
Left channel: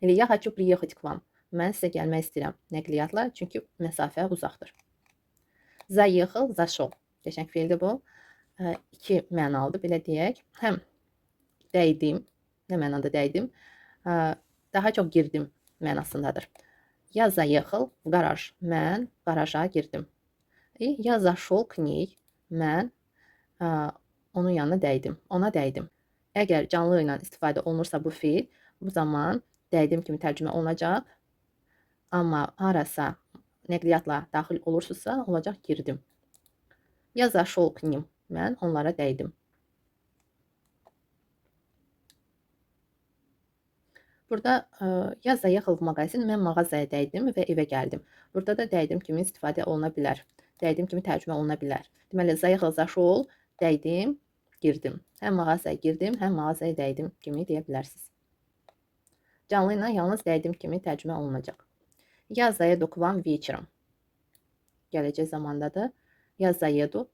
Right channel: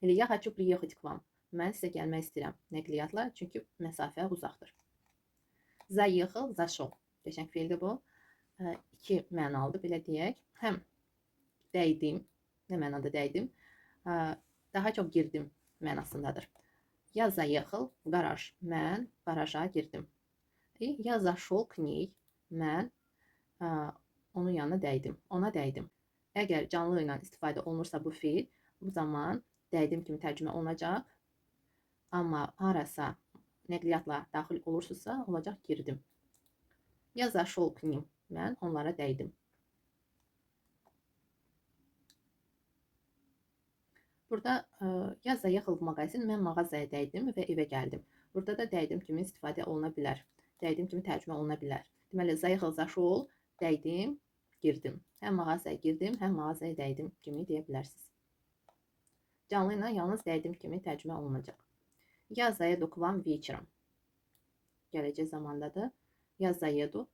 Или я хочу приехать к вам. Mən sizə gəlmək istəyirəm. Nəqliyyatla, çünki məsafə uzaqdır. Заехал, зашел. Qəşəng feildir bu. İki mənalıdır, belə deyək. Həm dəydim, nə mənada dəydim? Daha çox girdim mənasındadır. Я заехал в гараж. Mən qaraja girdim. И я зашел к ней. Mən onun yanına dəydim. Ona dəydim. Əgər canlı ilə istifadə olunursa bu feil, bu zaman dəydim kimi tərcümə olunacaq. Amma harasa nəqliyyatla daxil olursunuzsa, olacaq girdim. Я зашел к ним. Mən onlara dəydim. Burada ya заехал в магазин, mən mağazaya dəydim və evə gəldim. Burada da dəydim kimi istifadə oluna bilər. Dəydim kimi tərcümə oluna bilər. Deməli, заехал, зашел, dəydim, girdim. Həm mağazaya girdim, həm mağazaya dəydim kimi deyə bilərsiniz. Canlı ilə yalnız dəydim kimi tərcümə olunacaq. Я заеду к вам вечером. Gələcək zamandadır. Я заеду.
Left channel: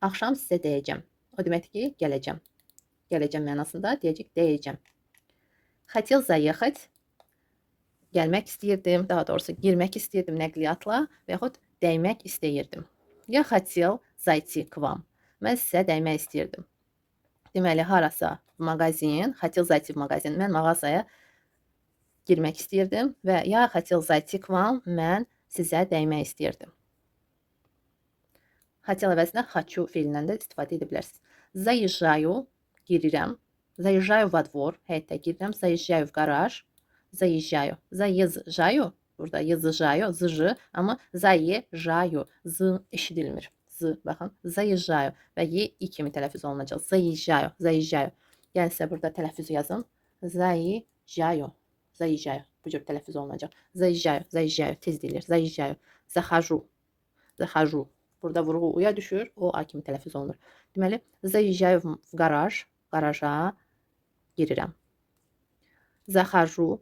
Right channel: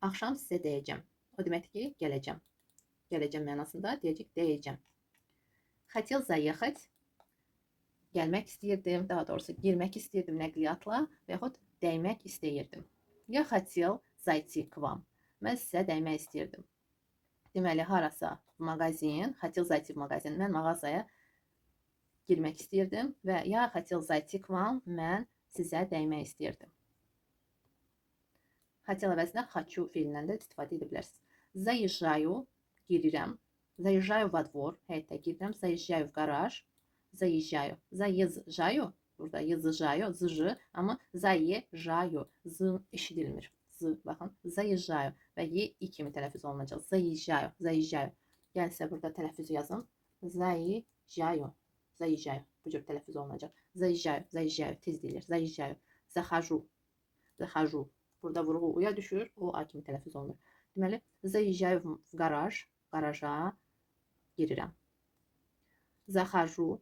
Axşam sizə dəyəcəm. O deməkdir ki, gələcəm. Gələcəm mənasında deyəcək dəyəcəm. Хотел заехать. Gəlmək istəyirdim, daha doğrusu girmək istəyirdim nəqliyyatla və yaxud dəymək istəyirdim. Я хотел зайти к вам. Mən sizə dəymək istəyirdim. Deməli, harasa mağazin, хотел зайти в магазин. Mən mağazaya girmək istəyirdim və я хотел зайти к вам. Mən sizə dəymək istəyirdim. Хотел əvəzinə хочу feilindən də istifadə edə bilərsiniz. Заезжаю, girirəm. Заезжаю во двор, həyətə girirəm. Заезжаю в гараж. Заезжаю. Заезжаю. Burada yazıjаю, zıjı, amma zayejayu, z eşidilmir. Z, baxın, zayejayu və y i kimi tələffüz olunacaq. Zayejayu, zayejayu. Yəni sizə burada tələffüzü yazım. Zayejayu, zayejayu. Bu cür tələffüz olunacaq. Zayejayu, zayejayu, tez deyilir. Zayejayu, захожу, захожу. Burada vurğu uya düşür, o a kimi tələffüz olunur. Deməli, zayejayu в гараж, garaja girirəm. Захожу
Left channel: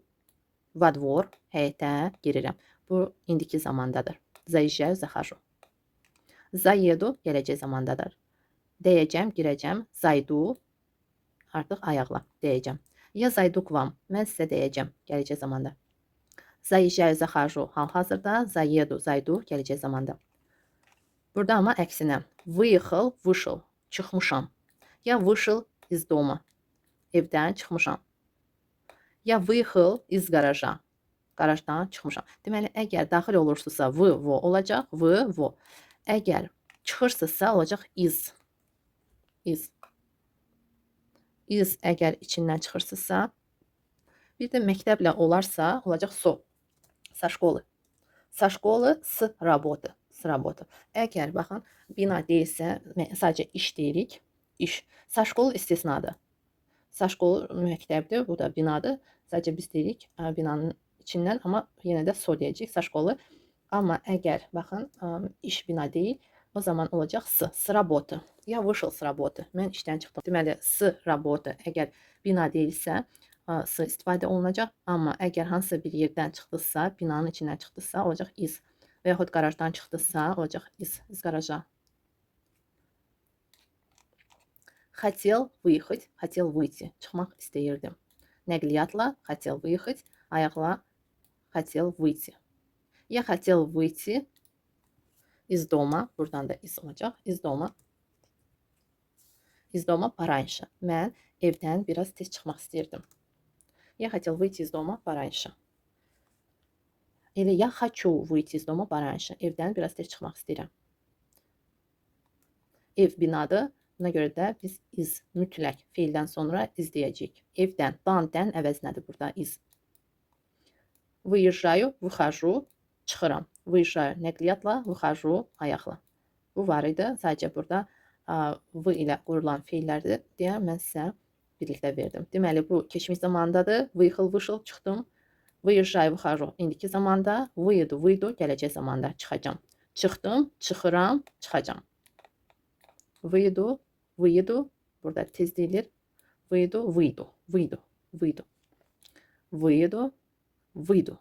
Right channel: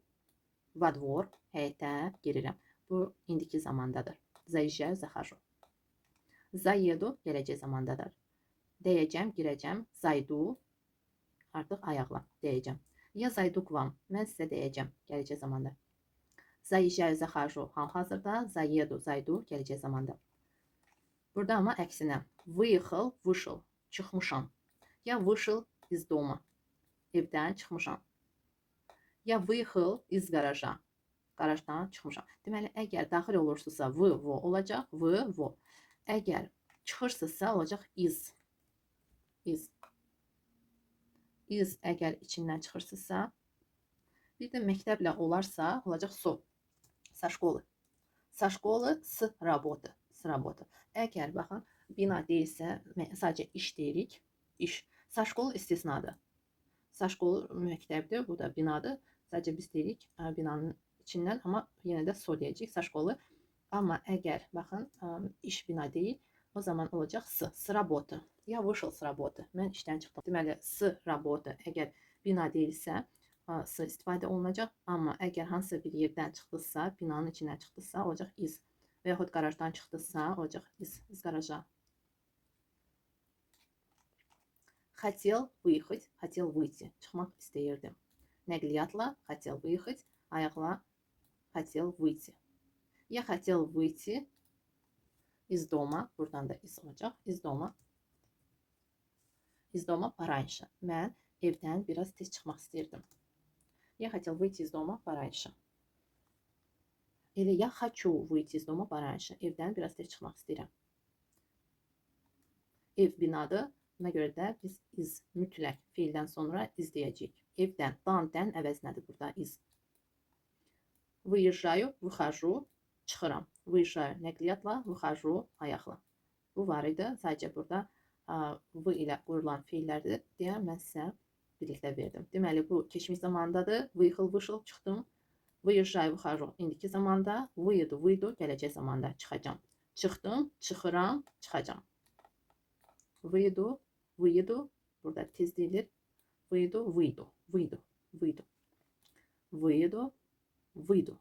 во двор, həyətə girirəm. Bu indiki zamandadır. Заезжаю, захожу. Заеду, gələcək zamandadır. Dəyəcəm, girəcəm. Zaydu, artıq ayaqla dəyəcəm. Я зайду к вам. Mən sizə dəyəcəm, gələcək zamanda. Заезжаю, захожу, hal-hazırda. Заеду, zaydu, gələcək zamanda. Burada amma əksinə. Выехал, вышел, çıxmışam. Я вышел из дома. Evdən çıxmışam. Я выехал из гаража. Qarajdan çıxmışam. Deməli, əgər daxil olursunuzsa v, vo olacaq. V, vo. Əgər çıxırsınızsa olacaq iz. İz. İz əgər içindən çıxırsınızsa. Bir də məktəblə olarsa olacaq so. Со школы. Со школы с работы. С работы. Əgər, baxın, bina deyilsə, sadəcə iş deyirik. İş. Со школы istisnadır. Со школы məktəbdir, bu da binadır. Sadəcə biz deyirik binanın içindən, amma yenə də so deyəcəyik, со школы. Amma əgər, baxın, iş bina deyil, o zaman olacaq s, с работы. Я вышел с работы. Mən işdən çıxdım. Deməli, s работы əgər bina deyilsə, s istifadə olunacaq. Amma əgər hansısa bir yerdən çıxdısa, binanın içindən çıxdısa, olacaq iz. Və yaxud qarajdan çıxdısa, olacaq iz qaraja. Хотел выехать, хотел выйти. Çıxmaq istəyirdim. Nəqliyyatla хотел выехать, ayaqla хотел выйти. Я хотел выйти из дома. Buradan da iz olacaq. Из дома. Из дома пораньше. Mən evdən biraz tez çıxmaq istəyirdim. Я хотел выйти из дома пораньше. Или я хочу выйти из дома пораньше. Evdən biraz tez çıxmaq istəyirəm. Ev binadır. Buna görə də biz iz mütləq feildən sonra iz deyəcəyik. Evdən, dan əvəzinədir burada iz. Выезжаю, выхожу, çıxıram. Выезжаю nəqliyyatla, выхожу ayaqla. Bu var idi. Sadəcə burada v ilə qurulan feillərdir deyə mən sizə birlikdə verdim. Deməli, bu keçmiş zamandadır. Выехал, вышел, çıxdım. Выезжаю, выхожу. İndiki zamanda. Выеду, выйду, gələcək zamanda çıxacam. Çıxdım, çıxıram, çıxacam. Выйду, выеду. Burada tez deyilir. Выйду, выйду, выйду, выйду. Выеду, выйду.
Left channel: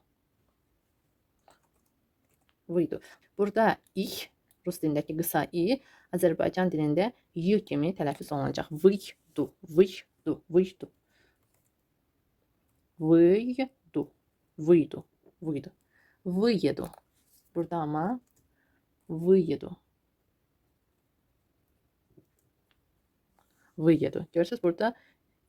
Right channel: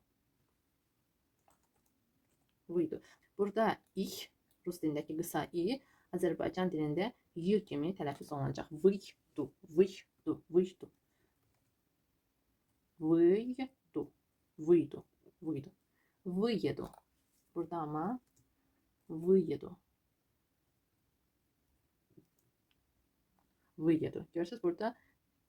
Выйду. Burada ich Rus dilindəki qısa i Azərbaycan dilində y kimi tələffüz olunacaq. Выйду, выйду, выйду, выйду, выйду, выйду. Выеду. Burada ama выеду. Выеdu. Görürsünüz burada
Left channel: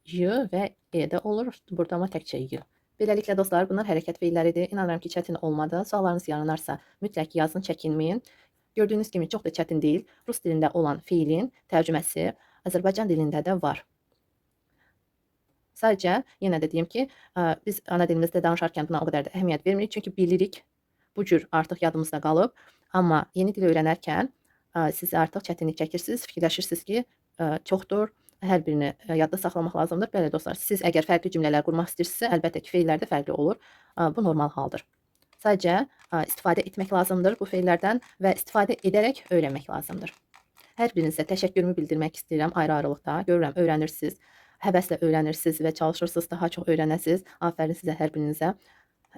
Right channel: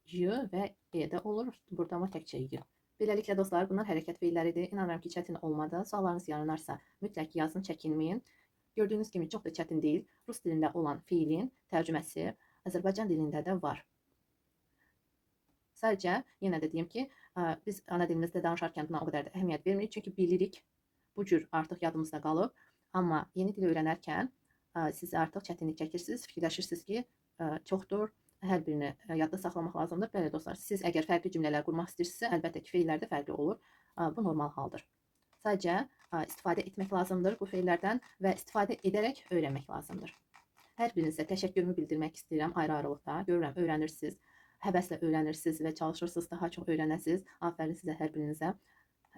y və e də olur. Burada ama təkcə y. Beləliklə dostlar, bunlar hərəkət feilləridir. İnanıram ki, çətin olmadı. Suallarınız yaranarsa mütləq yazın, çəkinməyin. Gördüyünüz kimi çox da çətin deyil. Rus dilində olan feilin tərcüməsi Azərbaycan dilində də var. Sadəcə yenə də deyim ki, biz ana dilimizdə danışarkən buna o qədər də əhəmiyyət vermirik. Çünki bilirik, bu cür artıq yadımızda qalıb. Amma yeni dil öyrənərkən siz artıq çətinlik çəkirsiniz, fikirləşirsiniz ki, çoxdur. Hər birini yadda saxlamaq lazımdır. Bəli dostlar, siz əgər fərqli cümlələr qurmaq istəyirsinizsə, əlbəttə ki, feillər də fərqli olur. Bu normal haldır. Sadəcə istifadə etmək lazımdır bu feillərdən və istifadə edərək öyrənmək lazımdır. Hər birinizə təşəkkürümü bildirmək istəyirəm ayrı-ayrılıqda. Görürəm, öyrənirsiniz, həvəslə öyrənirsiniz və çalışırsınız daha çox öyrənəsiniz. Afərin sizə hər birinizə.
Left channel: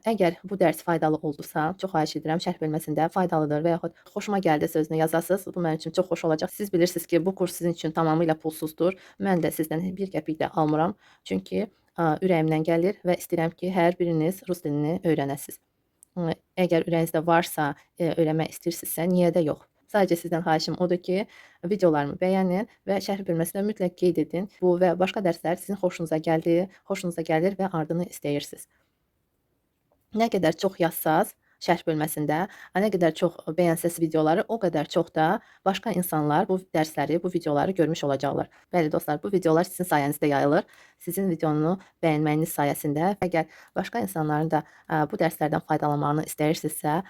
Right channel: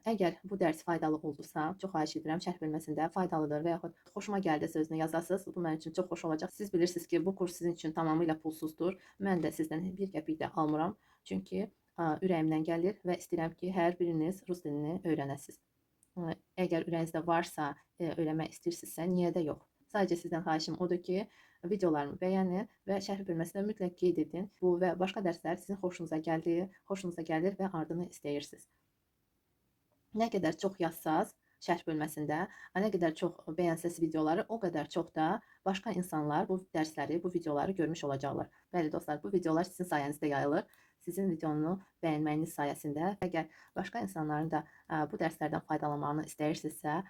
Əgər bu dərs faydalı oldusa, çox xahiş edirəm şərh bölməsində faydalıdır və yaxud xoşuma gəldi sözünü yazasınız. Bu mənim üçün çox xoş olacaq. Siz bilirsiniz ki, bu kurs sizin üçün tamamilə pulsuzdur. Mən də sizdən bir qəpik də almıram. Çünki ürəyimdən gəlir və istəyirəm ki, hər biriniz rus dilini öyrənəsiniz. Əgər ürəyinizdə varsa, öyrənmək istəyirsinizsə, niyə də yox? Sadəcə sizdən xahişim odur ki, videolarımı bəyənin və şərh bölməsində mütləq qeyd edin. Bu və başqa dərslər sizin xoşunuza gəlir və ardını istəyirsiniz. Nə qədər çox yazsaz şərh bölməsində, nə qədər çox bəyənsəz videoları, o qədər çox da başqa insanlar bu dərsləri, bu videoları görmüş olacaqlar. Bəli dostlar, bu videolar sizin sayənizdə yayılır. Sizin videonu bəyənməyiniz sayəsində. Əgər başqa insanların da bu dərslərdən faydalanmağını istəyirsinizsə,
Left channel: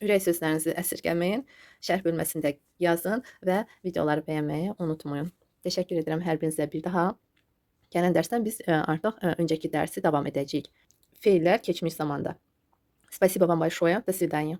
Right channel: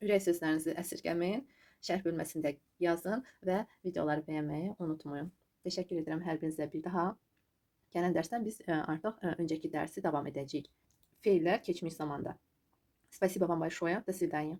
ürək sözlərinizi əsirgəməyin, şərh bölməsində yazın və videoları bəyənməyi unutmayın. Təşəkkür edirəm hər birinizə bir daha. Gələn dərsdən biz artıq öncəki dərsi davam edəcəyik. Feillər keçmiş zamanda. Спасибо вам большое. До свидания.